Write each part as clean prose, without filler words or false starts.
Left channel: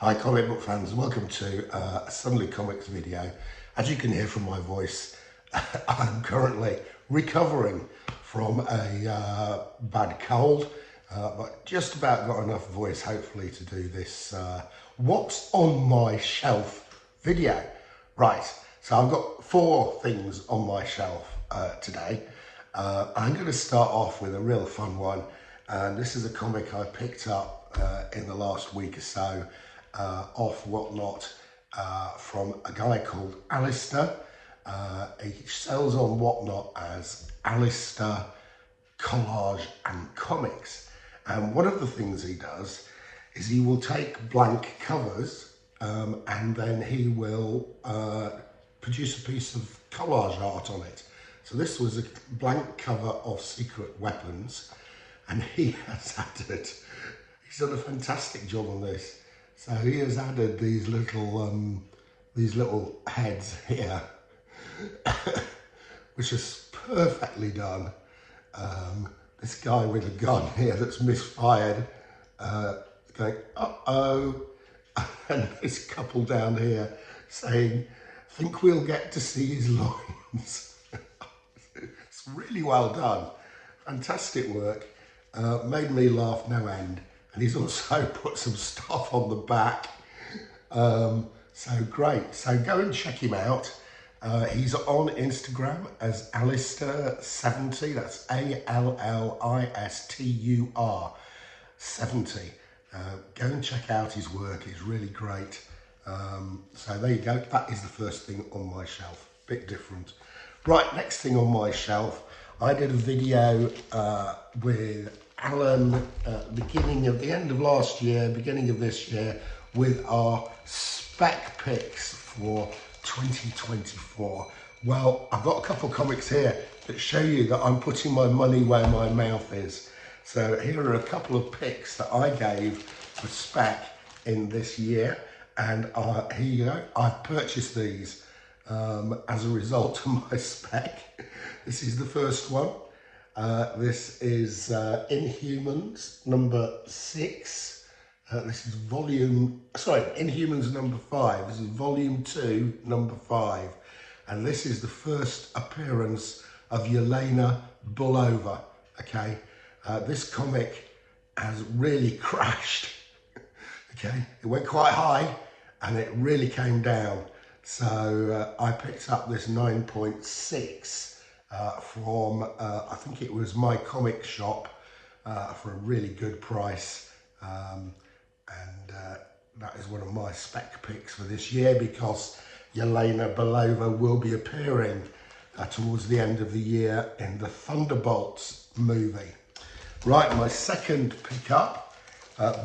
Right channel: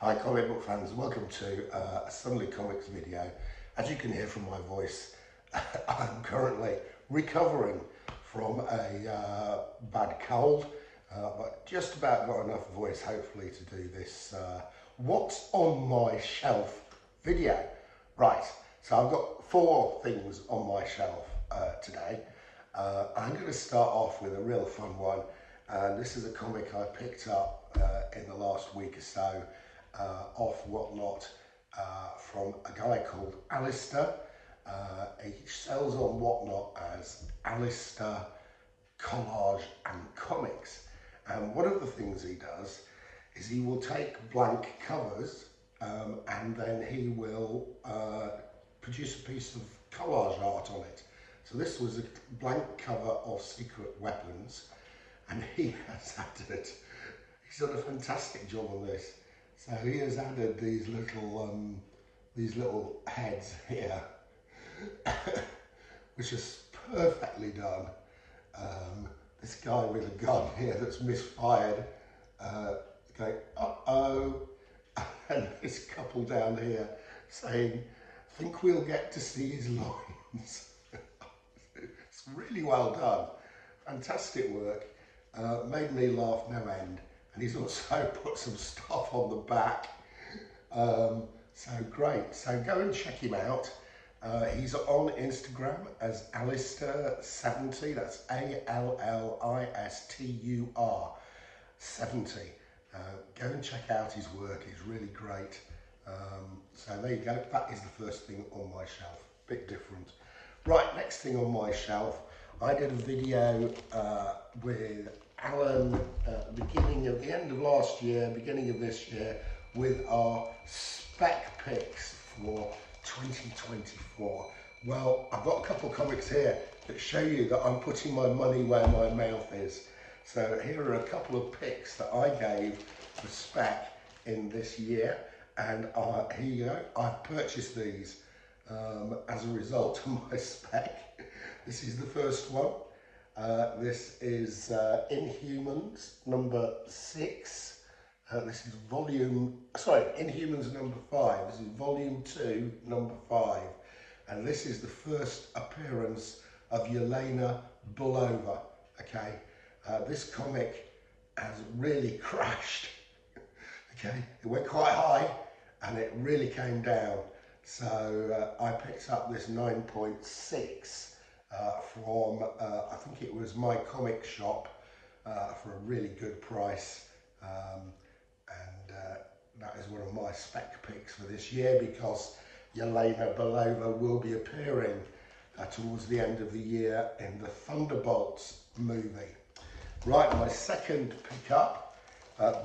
Hi comic book fans, welcome to a Sunday Comics video. As you can hear from my voice, I'm currently recovering from a bad cold, but just about got enough voice hopefully to do this what's on my shelf video. Right, so I've got 4 things on my shelf today. I'm going to start off with a real fun one, and this is a comic I picked up in the last week or so off Whatnot from a guy called Alistair. He sells on Whatnot as Alistair Collage and Comics, and one of the things he does is he will take blank covers and then he will produce a piece of collage art on it. So this was a blank cover of Secret Weapons, and he has added, he's done a fantastic job on this. So he has added these little heads here, which is perfectly done. This guy with a gun here that's misfired, going, uh-oh, and this couple down here saying, think we'll get to see his loins. It's really well done, fantastic work, made me laugh no end. And he's also put some stuff on the back, so great. So go and check him out. He's on Instagram as Alistair70, that's ALLISTUR 70. Go and check out his work, it's really great. So there you go, that is the first thing on my shelf, bit different. Right, next thing on my shelf, I did a video with Alan the end of last year, beginning of this year, with our Spec Picks for 2024. Well, I've got a couple of comics here that show you that I'm putting my money where my mouth is. So here are a couple of picks that I gave for Spec in this year, and here you go. I've purchased these as a result of my Spec. This is the first one. This is Inhumans number 6. This is Inhumans number 5. This is volume 2, number 5. And this is the first appearance of Yelena Bulova. Okay, this comic has really crashed. Okay, it went quite high and it really came down. So I picked up this 9.6. From I think it was My Comic Shop for a really good price, and that is one of my Spec picks for this year, because Yelena Bulova will be appearing towards the end of the year in the Thunderbolts movie. Right, my second pickup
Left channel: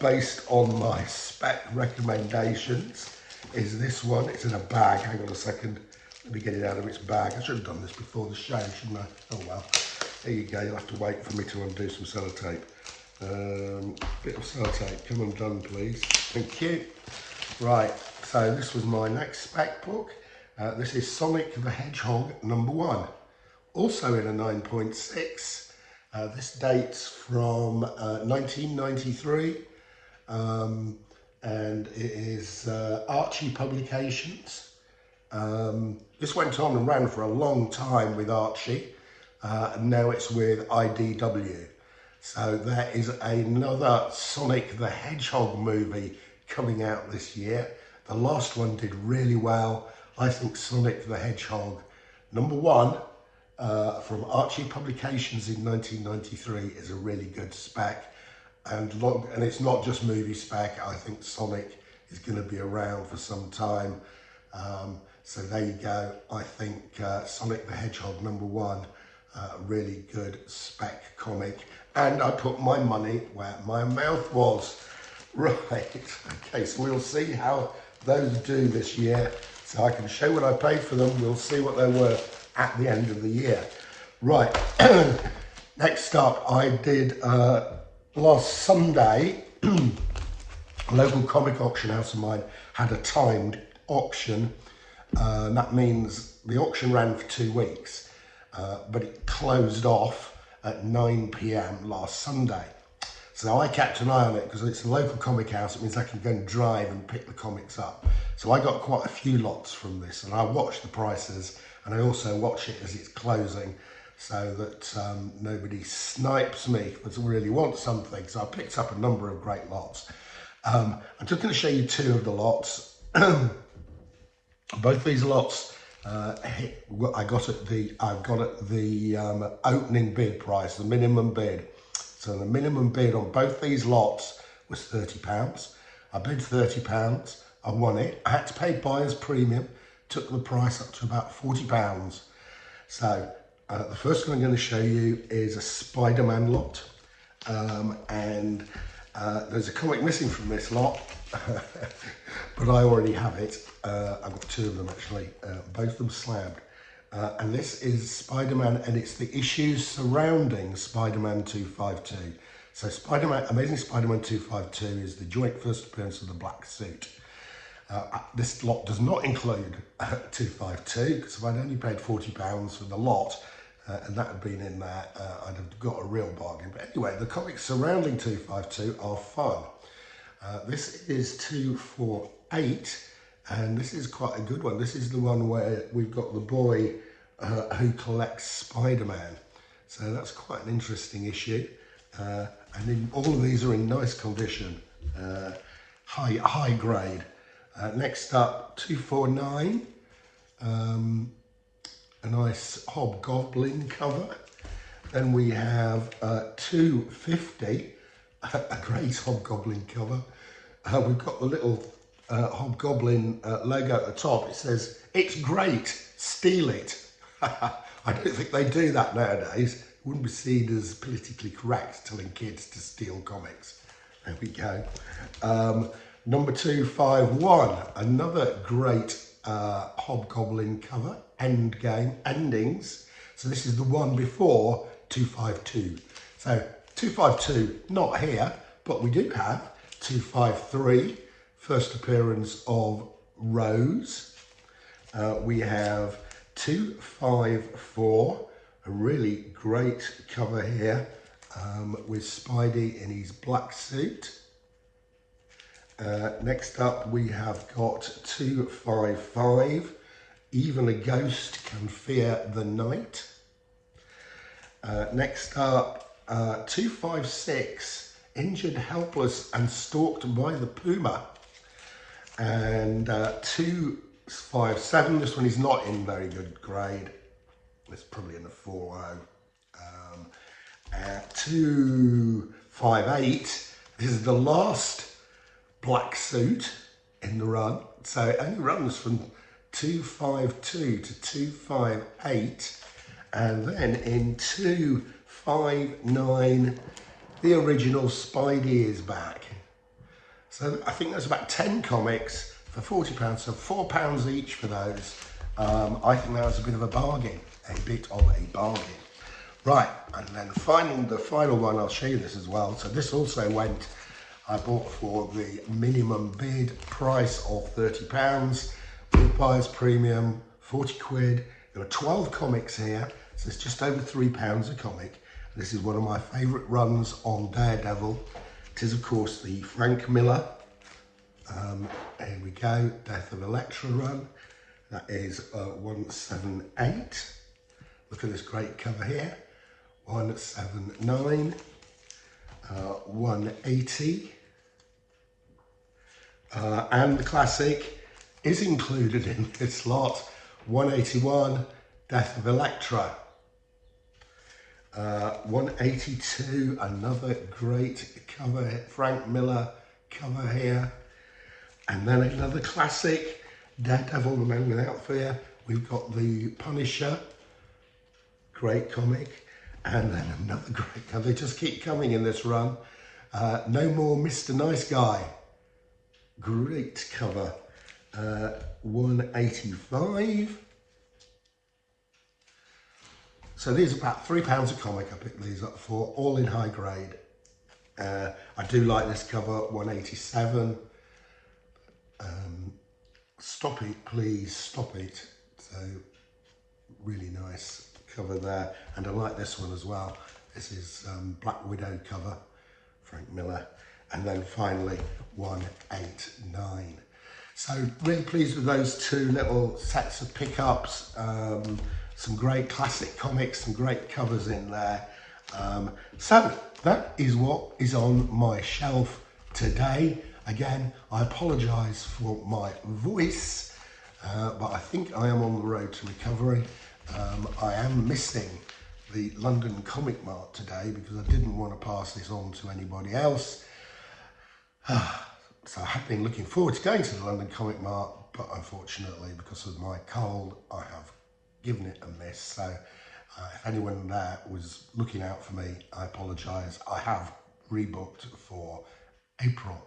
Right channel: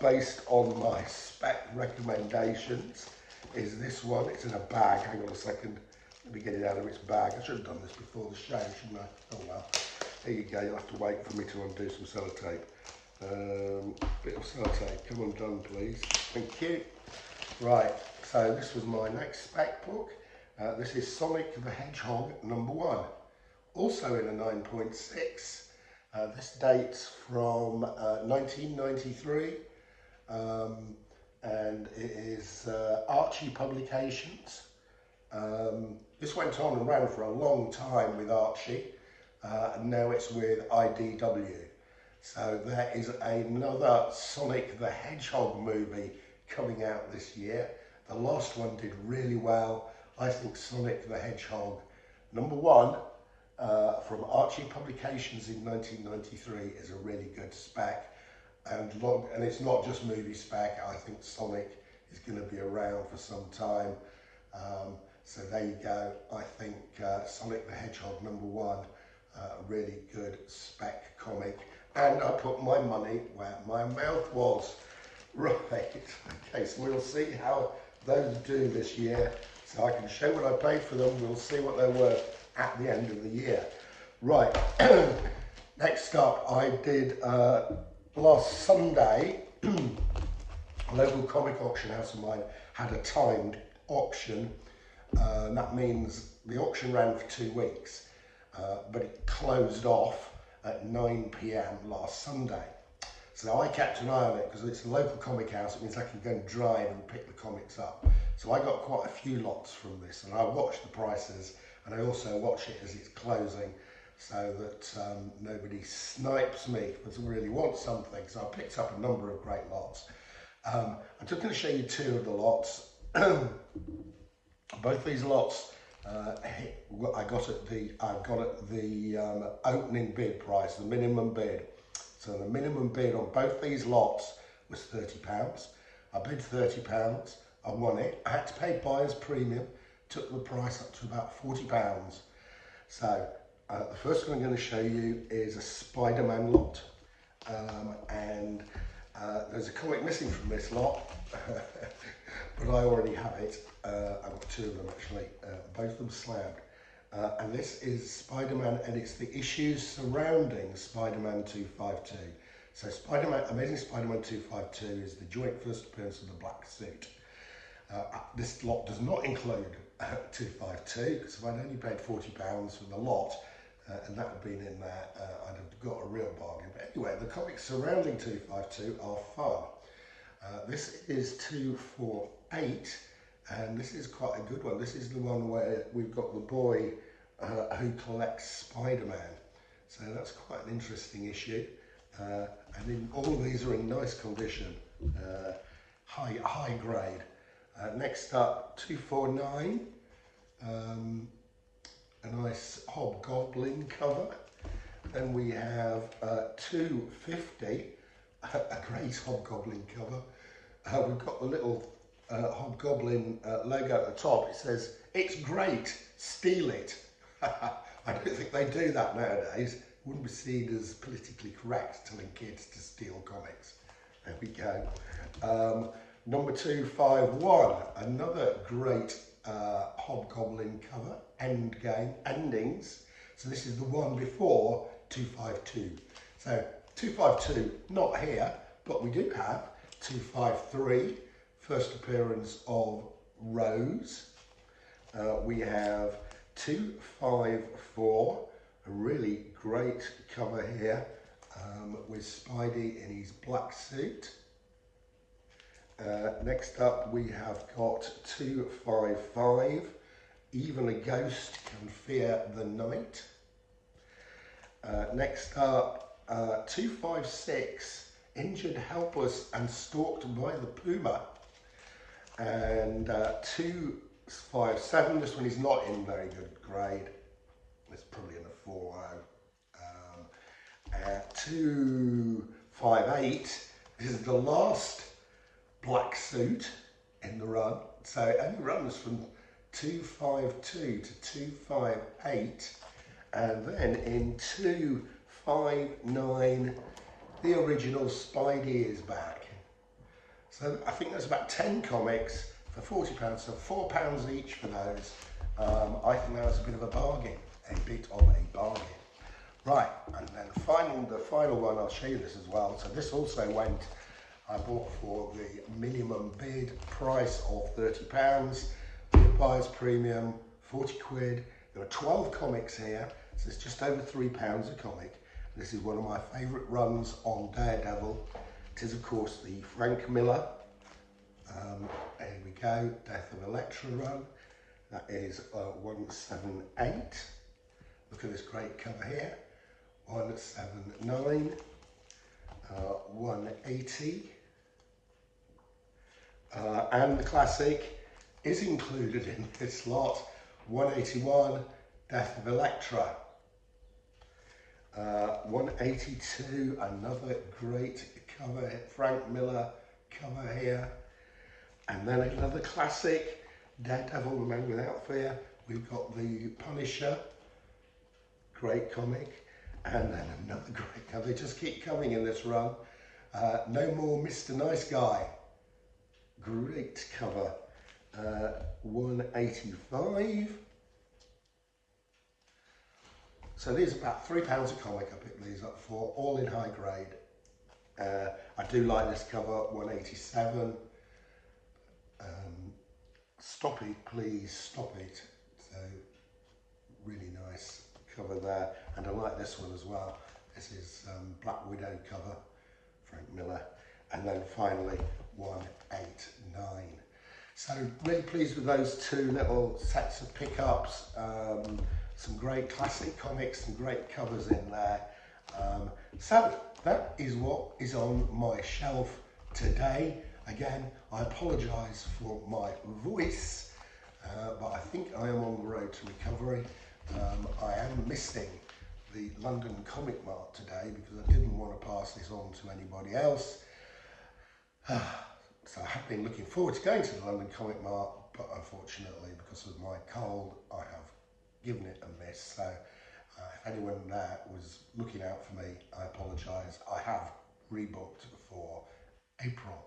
based on my Spec recommendations is this one. It's in a bag, hang on a second. Let me get it out of its bag. I should have done this before the show, shouldn't I? Oh well. There you go. You'll have to wait for me to undo some sellotape. Bit of sellotape. Come undone, please. Thank you. Right. So this was my next Spec book. This is Sonic the Hedgehog number 1. Also in a 9.6. This dates from 1993. And it is Archie Publications. This went on and ran for a long time with Archie, and now it's with IDW. So there is another Sonic the Hedgehog movie coming out this year. The last one did really well. I think Sonic the Hedgehog number 1 from Archie Publications in 1993 is a really good Spec. And it's not just movie Spec. I think Sonic is going to be around for some time. So there you go. I think Sonic the Hedgehog number 1, really good Spec comic. And I put my money where my mouth was. Right, okay, so we'll see how those do this year. So I can show what I paid for them. We'll see what they're worth at the end of the year. Right, next up, I did last Sunday, a local comic auction house of mine had a timed auction. That means the auction ran for 2 weeks, but it closed off at 9 PM last Sunday. So I kept an eye on it because it's a local comic house. It means I can go and drive and pick the comics up. So I got quite a few lots from this, and I watch the prices, and I also watch it as it's closing, so that nobody snipes me if I really want something. So I picked up a number of great lots. I'm just going to show you two of the lots. Both these lots I got at the opening bid price, the minimum bid. So the minimum bid on both these lots was £30. I bid £30. I won it. I had to pay buyer's premium. Took the price up to about £40. So the first one I'm going to show you is a SpiderMan lot, and there's a comic missing from this lot, but I already have it. I've got two of them actually, both of them slabbed. And this is SpiderMan, and it's the issues surrounding SpiderMan 252. So Amazing Spider-Man 252 is the joint first appearance of the black suit. This lot does not include 252, because if I'd only paid £40 for the lot, and that had been in there, I'd have got a real bargain. But anyway, the comics surrounding 252 are fun. This is 248, and this is quite a good one. This is the one where we've got the boy who collects Spider-Man. So that's quite an interesting issue. And all of these are in nice condition, high grade. Next up, 249, a nice Hobgoblin cover. Then we have 250, a great Hobgoblin cover. We've got the little Hobgoblin logo at the top. It says, "It's great, steal it." I don't think they do that nowadays. It wouldn't be seen as politically correct telling kids to steal comics. There we go. Number 251, another great Hobgoblin cover, Endings. So this is the one before 252. So 252, not here, but we do have 253, first appearance of Rose. We have 254, a really great cover here, with Spidey in his black suit. Next up we have got 255, Even a Ghost Can Fear the Night. Next up, 256, Injured, Helpless and Stalked by the Puma. And 257, this one is not in very good grade. It's probably in a 4.0. 258, this is the last black suit in the run, so it only runs from 252 to 258, and then in 259 the original Spidey is back. So I think there's about 10 comics for £40, so £4 each for those. I think that was a bit of a bargain, Right, and then the final one, I'll show you this as well. So this also went, I bought for the minimum bid price of £30, with buyer's premium, 40 quid. There are 12 comics here, so it's just over £3 a comic. This is one of my favourite runs on Daredevil. It is, of course, the Frank Miller. Here we go, Death of Elektra run. That is 178. Look at this great cover here. 179, 180, and the classic is included in this lot, 181, Death of Elektra. 182, another great cover, Frank Miller cover here. And then another classic, Daredevil, the Man Without Fear. We've got the Punisher, great comic. And then another great cover. They just keep coming in this run. No More Mr. Nice Guy. Great cover. 185. So these are about £3 a comic. I picked these up for, all in high grade. I do like this cover, 187. Stop It, Please Stop It. So really nice cover there, and I like this one as well. This is Black Widow cover Frank Miller, and then finally 189. So really pleased with those two little sets of pickups. Some great classic comics, some great covers in there. So that is what is on my shelf today. Again, I apologise for my voice, but I think I am on the road to recovery. I am missing the London Comic Mart today because I didn't want to pass this on to anybody else. So I have been looking forward to going to the London Comic Mart, but unfortunately because of my cold I have given it a miss. So if anyone there was looking out for me, I apologise. I have rebooked for April.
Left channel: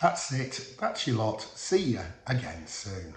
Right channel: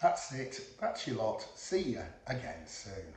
That's it. That's your lot. See you again soon.